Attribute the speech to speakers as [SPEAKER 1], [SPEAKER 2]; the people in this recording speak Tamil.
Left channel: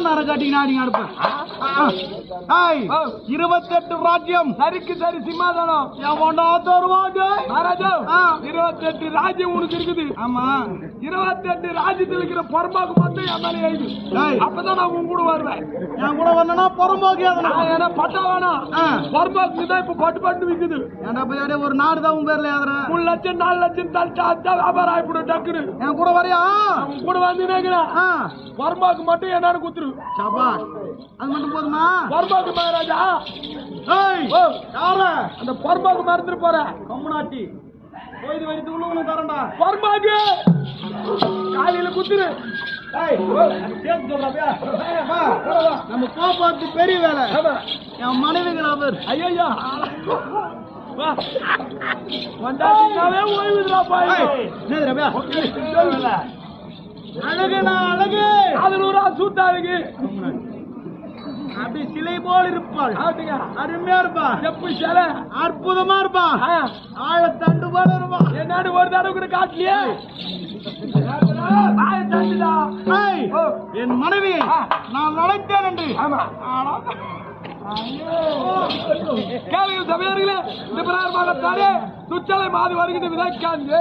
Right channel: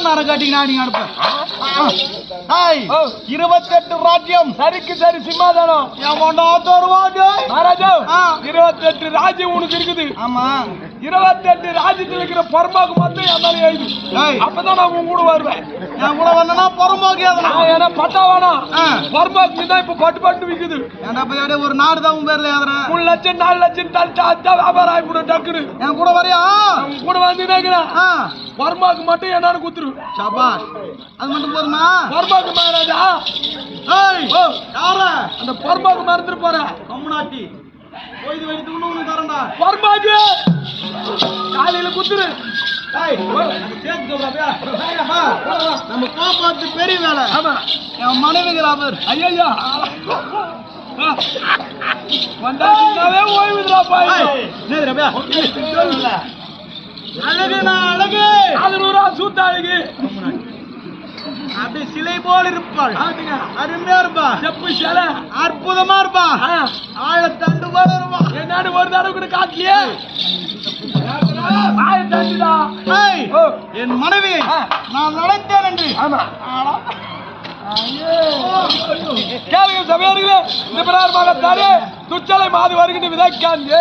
[SPEAKER 1] நரம் கட்டிங்கன்னா நீங்க அனுப்ப. இருபத்தெட்டு ராஜ்யம்.
[SPEAKER 2] சரிக்கு சரி சிம்மாதானம்
[SPEAKER 1] எவனோ தருவாங்க
[SPEAKER 2] மகாராஜா.
[SPEAKER 1] ஆ.
[SPEAKER 2] இருபத்தெட்டு ராஜ்யம் உனக்கு இருக்குது.
[SPEAKER 1] ஆமா.
[SPEAKER 2] இருபத்தெட்டு ராஜ்யத்தில் இருக்கிற பொறுப்பாக்கு மட்டும் என் மேலே எழுது. அப்பதான் நான் உன் கூட வருவேன்.
[SPEAKER 1] நான் கூட வந்தனா புறம்போக்கு
[SPEAKER 2] நான் ஏன்னா பட்டா வேணாம்
[SPEAKER 1] ஆ.
[SPEAKER 2] பொறுப்பாக்கு தான் இப்ப பட்டு பட்டு விக்குது.
[SPEAKER 1] ஒரு நாடு தான் உன் பேர்ல ஏதுறேன்
[SPEAKER 2] மூணு லட்சம் நாலு லட்சம் தள்ளிட்டா வியாபாரம் ஆயிப்படும் டக்குனு
[SPEAKER 1] என் கூட வரியா?
[SPEAKER 2] கூட வந்து நினைக்கிறேன்
[SPEAKER 1] ஆ.
[SPEAKER 2] பொறுப்பாக்கு மட்டும் என்னன்னு குத்துரு.
[SPEAKER 1] சபாஷ் அது மட்டும் போதுமா?
[SPEAKER 2] பொறுப்பாக்கு மகாராஜா.
[SPEAKER 1] ஏய் யார
[SPEAKER 2] அந்த பொறுப்பாக்கு மறந்துட்டு போறேன்.
[SPEAKER 1] கம்முனாட்டி. போய் வைத்து உனக்கு தரேன்டா.
[SPEAKER 2] பொறுப்பாக்கு காலையில குத்துரு.
[SPEAKER 1] நம்ம கோபாத்து பெரிய வேலை. என் மனைவிகள் அவர்
[SPEAKER 2] ஐயா வந்தாவே ஓய்வுதுடா பாய்.
[SPEAKER 1] அழகுனா அழகு.
[SPEAKER 2] பதினூறா சூத்தாளுக்கு.
[SPEAKER 1] அப்படி சிலை போல் இருப்பாள். அருமையா இருப்பா.
[SPEAKER 2] செப்பு சிலை?
[SPEAKER 1] அற்புதமா இருப்பா.
[SPEAKER 2] ஆ,
[SPEAKER 1] ஆழத்தண்டு போல இருப்பா
[SPEAKER 2] என்னன்னு ஒரு தடவை கூட காட்டலையே.
[SPEAKER 1] என் மனைவியை. நான் நடத்தேன் என்று.
[SPEAKER 2] ஆமா.
[SPEAKER 1] ஆடா.
[SPEAKER 2] கேளுங்க சபையார்களே இந்த பிரகாரமாகத்தானே துச்சலை மாது வருகின்ற விதைக்காந்து.